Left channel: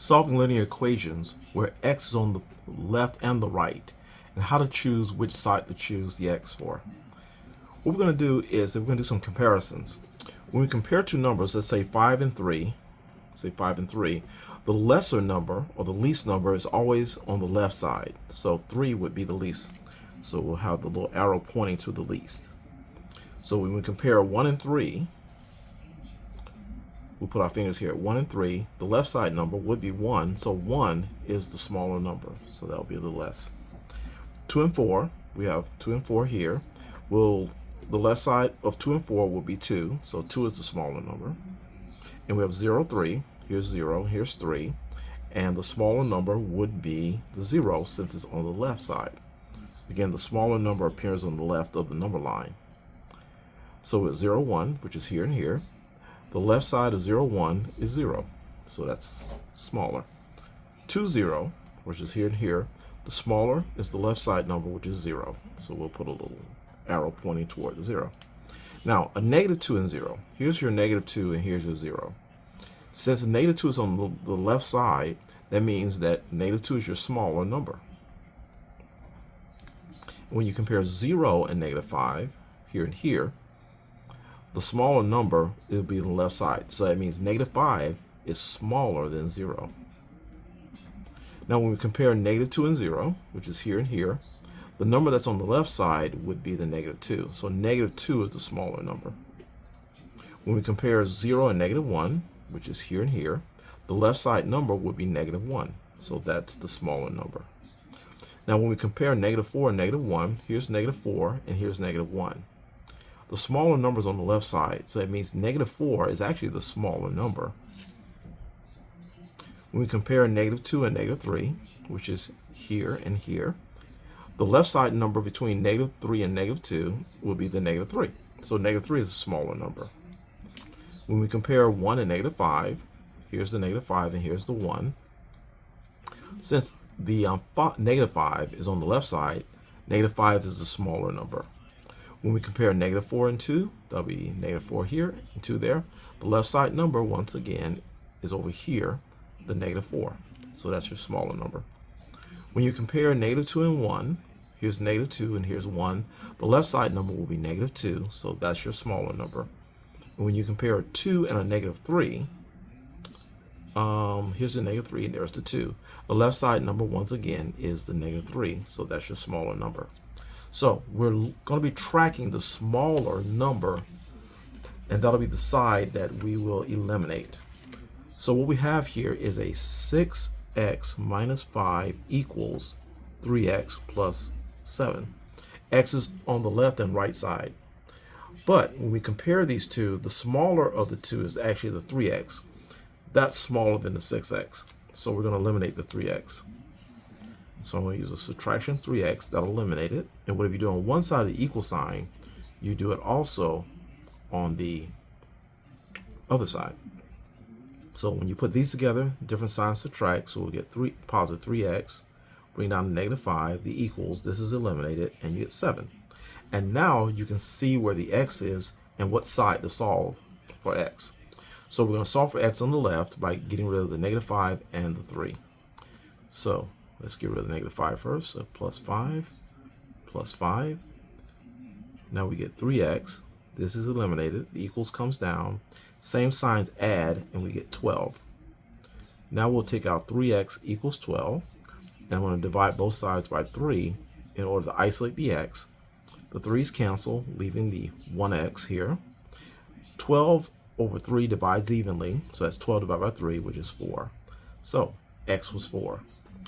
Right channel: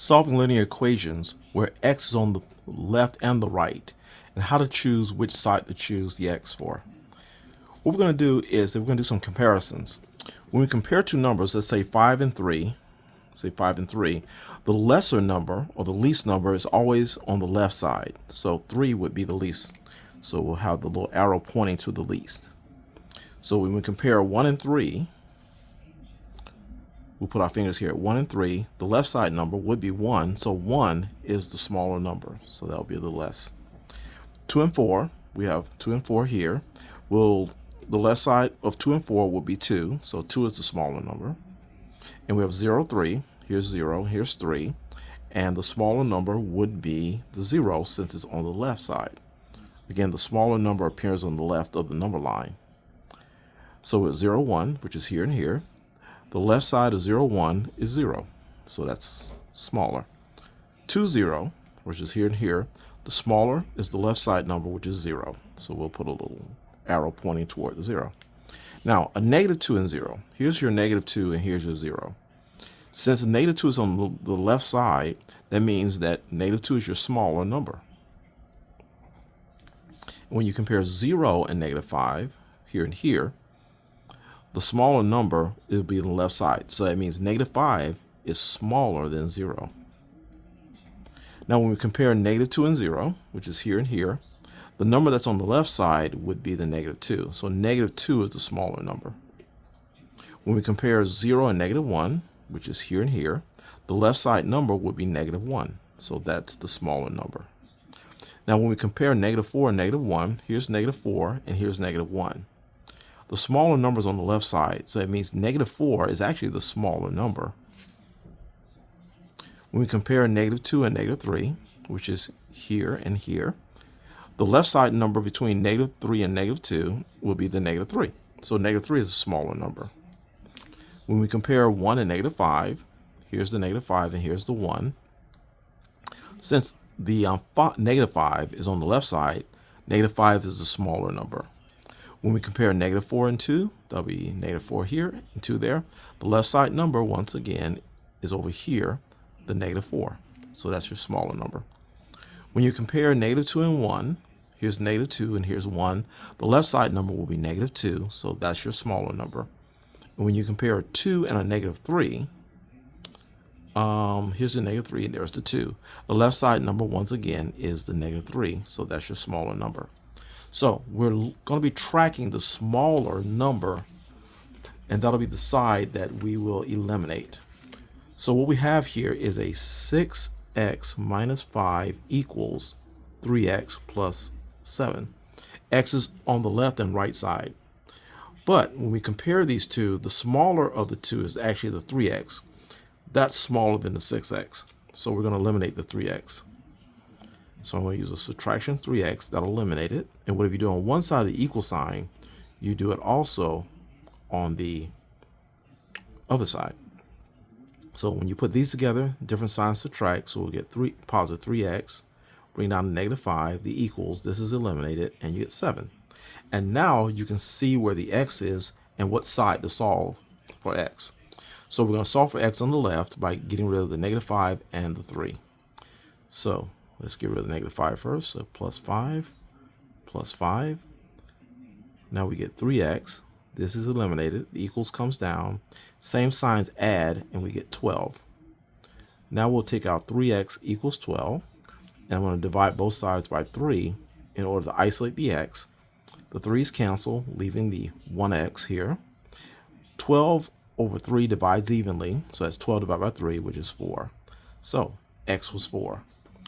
solving linear equations where x is on the left and the right, and how to choose which side to choose the x for. What we're going to do is we're going to do some comparisons. When we compare two numbers, let's say 5 and 3, the lesser number or the least number is always on the left side. So 3 would be the least. So we'll have the little arrow pointing to the least. So when we compare 1 and 3, we'll put our fingers here at 1 and 3. The left side number would be 1, so 1 is the smaller number, so that will be the less. 2 and 4, we have 2 and 4 here. The left side of 2 and 4 will be 2, so 2 is the smaller number. And we have 0, 3. Here's 0, here's 3. And the smaller number would be the 0 since it's on the left side. Again, the smaller number appears on the left of the number line. So it's 0, 1, which is here and here. The left side of 0, 1 is 0, so that's smaller. 2, 0, which is here and here. The smaller is the left side number, which is 0. So we'll put a little arrow pointing toward the 0. Now, a negative 2 and 0. Here's your negative 2 and here's your 0. Since the negative 2 is on the left side, that means that negative 2 is your smaller number. When you compare 0 and negative 5, here and here, the smaller number will be on the left side. So that means negative 5 is smaller than 0. Now when we compare negative 2 and 0, which is here and here, the number that's on the left side would be the negative 2. So negative 2 is the smaller number. When we compare 0 and negative 1, which is here and here, the left side number would be negative 1. So that's the smaller number. Now when we compare negative 4 and negative 1, here's negative 4 and here's negative 1. The smaller number is on the left side, so it means negative 4 is actually the smaller number. When we compare negative 2 and negative 3, which is here and here, the left side number between negative 3 and negative 2 will be the negative 3. So negative 3 is a smaller number. When we compare 1 and negative 5, here's the negative 5 and here's the 1. Since the negative 5 is on the left side, negative 5 is the smaller number. When we compare negative 4 and 2, that'll be negative 4 here and 2 there. The left side number, once again, is over here, the negative 4. So that's your smaller number. When you compare negative 2 and 1, here's negative 2 and here's 1. The left side number will be negative 2, so that's your smaller number. And when you compare a 2 and a negative 3, here's the negative 3 and there's the 2. The left side number, once again, is the negative 3, so that's your smaller number. So we're going to be tracking the smaller number, and that'll be the side that we will eliminate. So what we have here is a 6x minus 5 equals 3x plus 7. X is on the left and right side. But when we compare these two, the smaller of the two is actually the 3x. That's smaller than the 6x. So we're going to eliminate the 3x. So I'm going to use a subtraction 3x, that'll eliminate it. And whatever you do on one side of the equal sign, you do it also on the other side. So when you put these together, different signs subtract, so we'll get positive 3x, bring down to negative 5, the equals, this is eliminated, and you get 7. And now you can see where the x is and what side to solve for x. So we're going to solve for x on the left by getting rid of the negative 5 and the 3. So let's get rid of the negative 5 first. So plus 5, plus 5. Now we get 3x. This is eliminated. The equals comes down. Same signs add, and we get 12. Now we'll take out 3x equals 12. And I'm going to divide both sides by 3 in order to isolate the x. The 3's cancel, leaving the 1x here. 12 over 3 divides evenly. So that's 12 divided by 3, which is 4. So x was 4.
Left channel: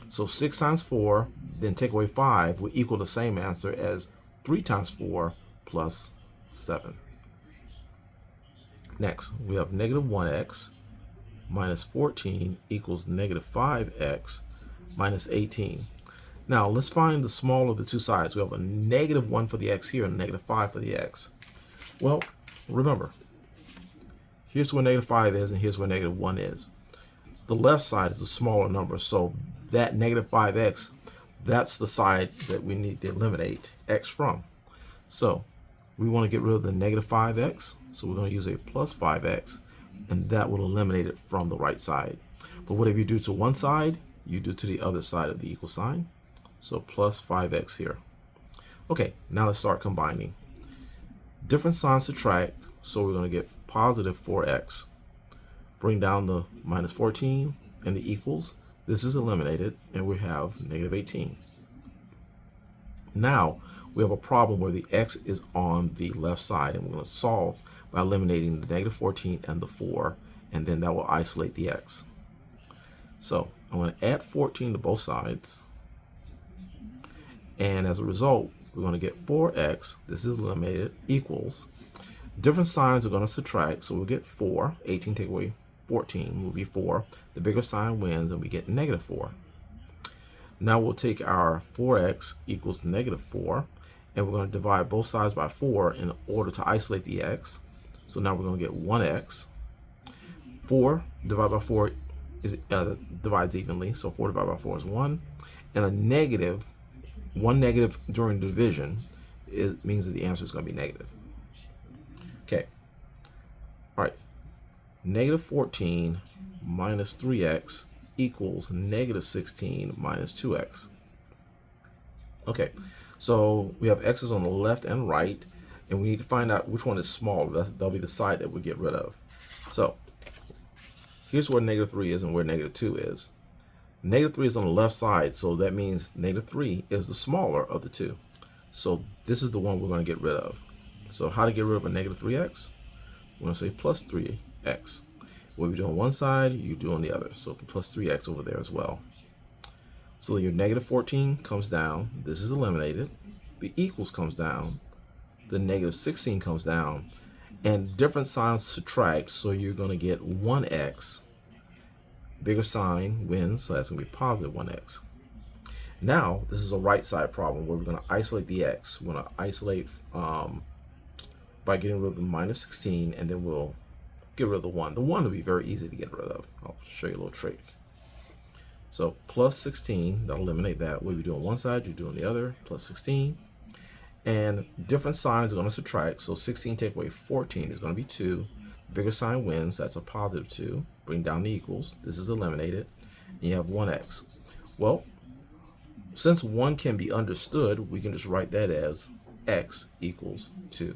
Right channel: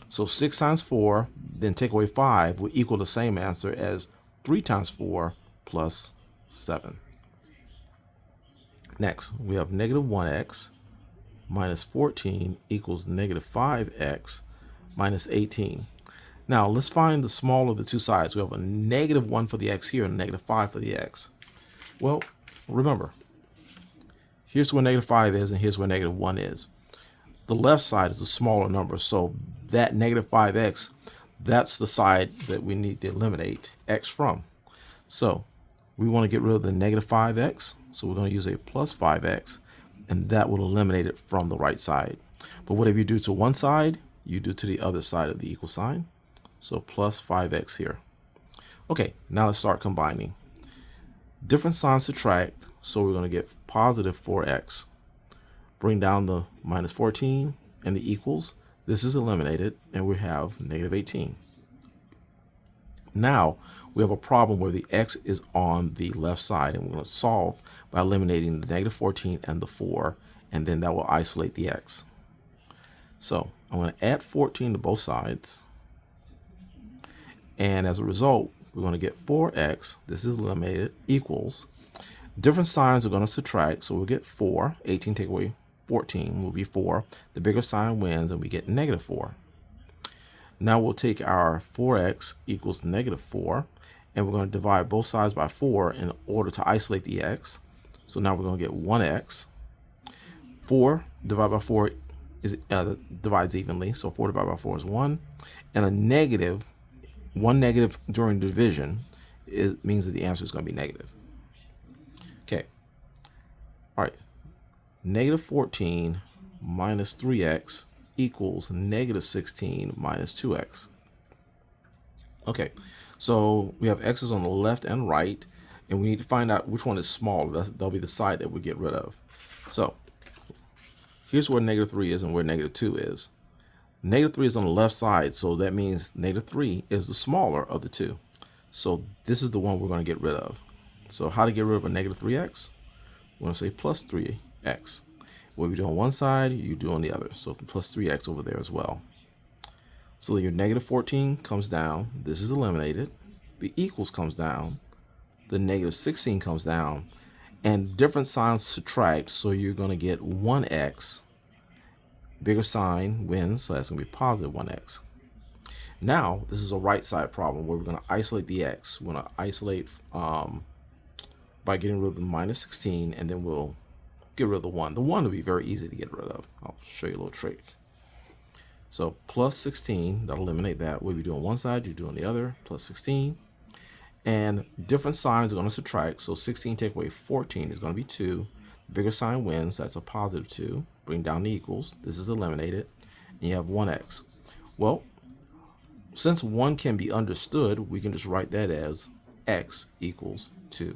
So 6 times 4, then take away 5, will equal the same answer as 3 times 4 plus 7. Next, we have negative 1x minus 14 equals negative 5x minus 18. Now, let's find the smaller of the two sides. We have a negative 1 for the x here and a negative 5 for the x. Well, remember, here's where negative 5 is and here's where negative 1 is. The left side is a smaller number, so that negative 5x, that's the side that we need to eliminate x from. So we want to get rid of the negative 5x, so we're going to use a plus 5x, and that will eliminate it from the right side. But whatever you do to one side, you do to the other side of the equal sign. So plus 5x here. Okay, now let's start combining. Different signs subtract, so we're going to get positive 4x. Bring down the minus 14 and the equals. This is eliminated, and we have negative 18. Now we have a problem where the x is on the left side, and we're going to solve by eliminating the negative 14 and the 4, and then that will isolate the x. So I'm going to add 14 to both sides, and as a result, we're going to get 4x, this is eliminated, equals. Different signs are going to subtract, so we'll get 4. 18 take away 14 will be 4. The bigger sign wins, and we get negative 4. Now we'll take our 4x equals negative 4, and we're going to divide both sides by 4 in order to isolate the x. So now we're going to get 1x. 4 divided by 4 is divides evenly, so 4 divided by 4 is 1. And a negative, one negative during division, it means that the answer is going to be negative. Okay. All right. Negative 14 minus 3x equals negative 16 minus 2x. Okay, so we have x's on the left and right, and we need to find out which one is smaller. That'll be the side that we get rid of. So here's where negative 3 is and where negative 2 is. Negative 3 is on the left side, so that means negative 3 is the smaller of the two. So this is the one we're going to get rid of. So how to get rid of a negative 3x? We're going to say plus 3x. What we do on one side, you do on the other. So plus 3x over there as well. So your negative 14 comes down. This is eliminated. The equals comes down. The negative 16 comes down. And different signs subtract, so you're going to get 1x. Bigger sign wins, so that's going to be positive 1x. Now, this is a right side problem where we're going to isolate the x. We're going to isolate by getting rid of the minus 16, and then we'll get rid of the 1. The 1 will be very easy to get rid of. I'll show you a little trick. So plus 16, that'll eliminate that. What we do on one side, you do on the other, plus 16. And different signs are going to subtract. So 16 take away 14 is going to be 2. Bigger sign wins, that's a positive 2. Bring down the equals. This is eliminated. And you have 1x. Well, since 1 can be understood, we can just write that as x equals 2.